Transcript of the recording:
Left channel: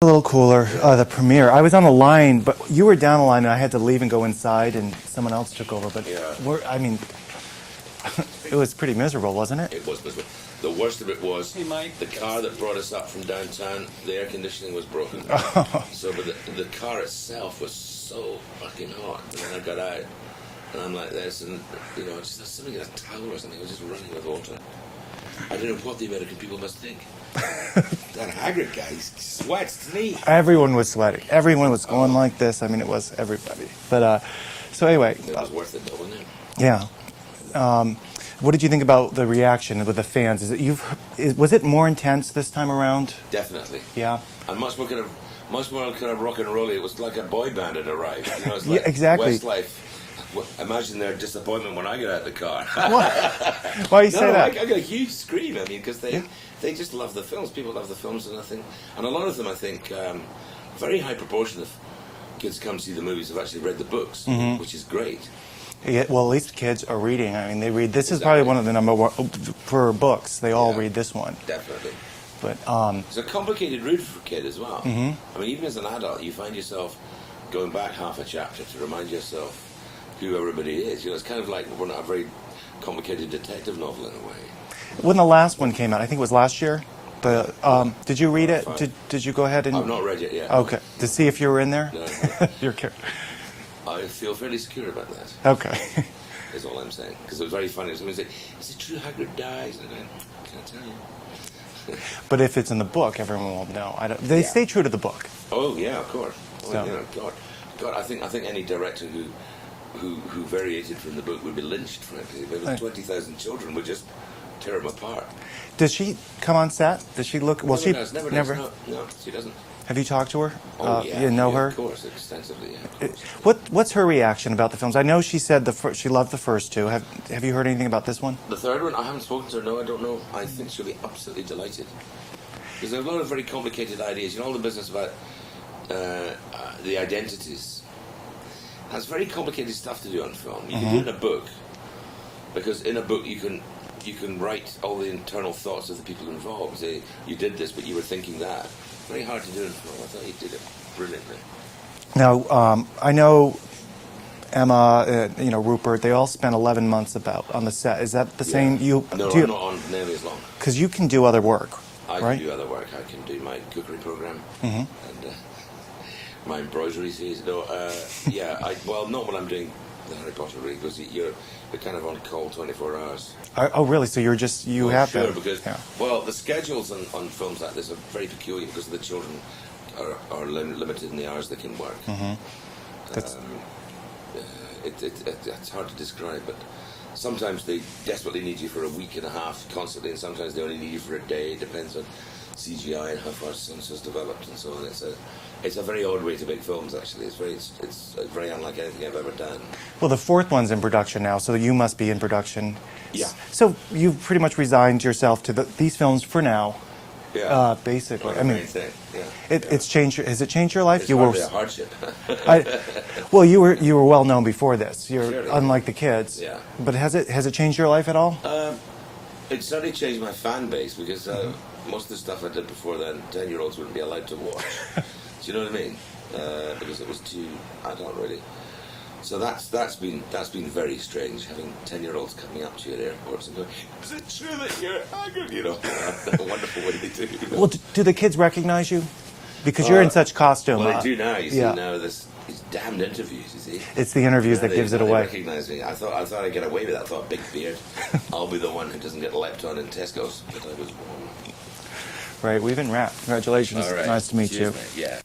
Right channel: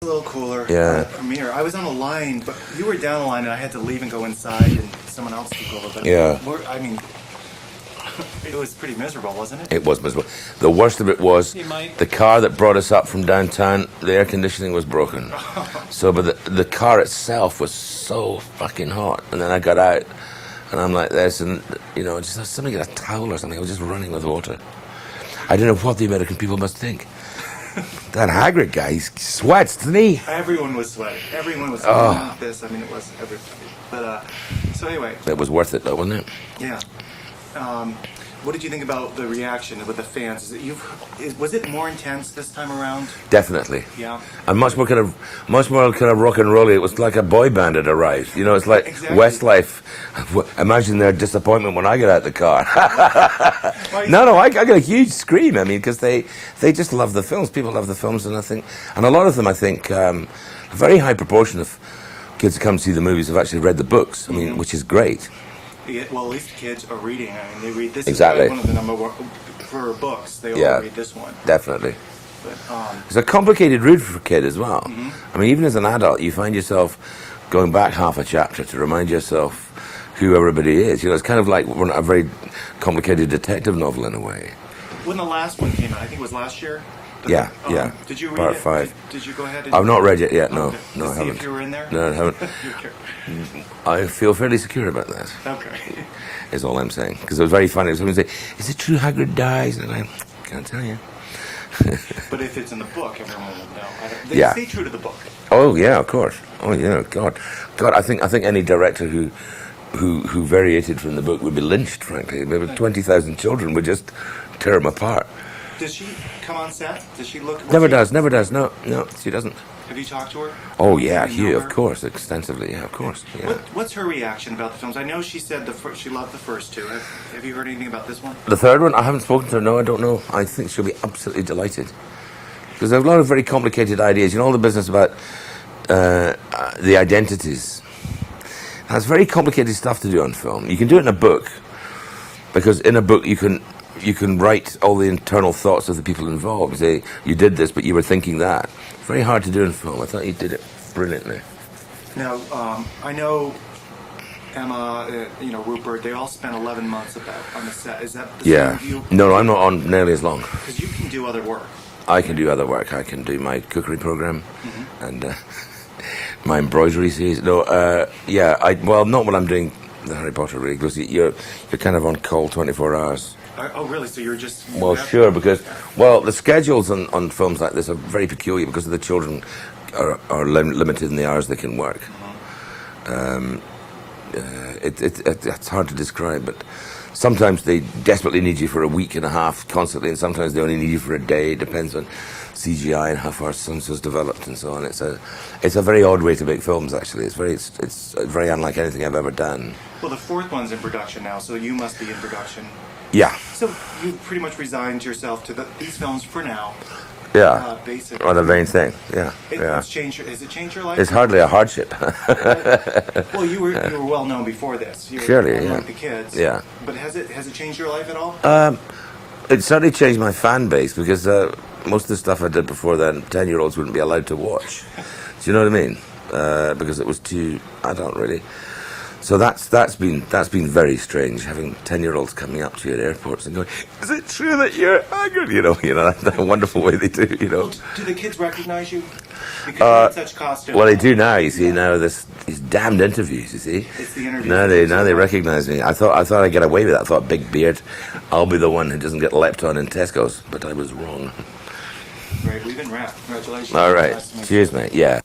A little cooler. Yeah. The premiere. I was on a line, but you were down the line, and I had to leave and go inside, and someone else took over. But Yeah. I mean, it was pretty miserable, wasn't it? It was miserable. The worst of it was the car that brought us up from downtown, the air conditioning was broken. So, but the car itself was so fucking hot. And then I got out, and I'm like this, and, you know, just somebody get a towel or something. I was just running with water. I don't know what the American people must think. That Hagrid guy, he sweats, doesn't he? Everyone was sweating. Everyone was feeling like this. I mean, it was everybody. But, so anyway. It was worth it, though, wasn't it? Yeah. What did you think about the reaction with the fans? Was it more intense this time around? Definitely. Yeah. And much more kind of rock and rolly. It was like a boy band had arrived. You know, it's like exactly. Westlife. Imagine their disappointment when I get out of the car. Why No, I got a huge scream. I mean, because they just love the films. People love the films, and a lot of them, I think, a very high proportion of kids who come to see the movies have actually read the books. I mean, which is great. Yeah, well, at least kids are reading. I mean, they read. This Exactly. is probably one of the number one for books. They all read this one. Definitely. But it's a complicated read for a kid as well. I mean, even as an adult, you find yourself going back half a chapter to remind yourself who everybody is. You know, it's kind of like a very complicated detective novel in a way. when the last one came out, I think it was last year. But, Yeah. Did you read Part it? 5. Did you go ahead and... I've not read it yet, no. Okay. No, To I see if haven't. you were in there? No, I haven't. I feel fairly secure about that. Okay. Is all I'm saying. Because it was very funny. Someone would say, is it true Hagrid dies? And I can't tell you. But if it's in the book, everyone will know. They stay true to the book. Oh, yeah, of course. Oh, yeah, God. I think any director who variated from the book would be lynched, frankly. Maybe 20,000 children would just tear them apart. Does she come on set? Does she look... Never does. No, she doesn't. Have you talked to her? Oh, You yeah, didn't know her? of course, extensively, yeah, of course. Yeah. What's her reaction about the films? I know she said she loved the first two. Have you heard anything about this one? The third one, I haven't spoken to her, no, I don't know. I think she'll be absolutely delighted. Because there's a lot of very complicated ideas. You know, all the business about the identities. That's very complicated stuff to do on film. You can do it in a book, because in a book you can write all the internal thoughts of the people involved. You say, you did this, but you were thinking that. Very hard to do in film. I thought you did it brilliantly. Now, I know Emma, Rupert, they all spent 11 months on the set. Is that the same? No, I'm not on nearly as long. Because you can do other work. I can do other work. I can do my cookery program and my embroidery series. No, well, not when I'm doing the Harry Potter, really, because you're kind of on call 24 hours. Oh, really? So you're just... Well, sure, because... Well, the schedules on films like this are very peculiar because the children are limited in the hours they can work. It's hard to describe, but sometimes they desperately need you for a week and a half constantly, and sometimes they only need you for a day. It depends on CGI and how far Sunso's developed and so on. It's a very odd way to make films, actually. It's very unlike anything I've ever done. Well, the fourth one's in production now, so you must be in production. Yeah. So you've pretty much resigned yourself to these films for now. Yeah. Basically. Or the main thing. Yeah. It's changed. Has it changed your life? It's hardly a hardship. Well, you were well known before this. Surely, unlike the kids. Yeah. But has it changed your life at all? It certainly changed my fan base because most of the stuff I did before then, 10-year-olds wouldn't be allowed to watch. Do you know what I mean? Because it was too adult, really. So that's been very strange, having 10-year-olds coming up to you at airports and going, "Is it true that you're Hagrid?" You know, that's a wonderful way they do. You know. Well, do the kids recognize you? Because you're in such costume. Well, they do now. You see now these damned interviews. You see, it's the interviews. Now they recognize me. I thought I'd get away with it. I thought, big beard, I'll be the one who doesn't get leapt on in Tesco's. But I was wrong. Right, we've been wrapped. Congratulations. All right. Nice to meet you. Cheers, mate. Yeah.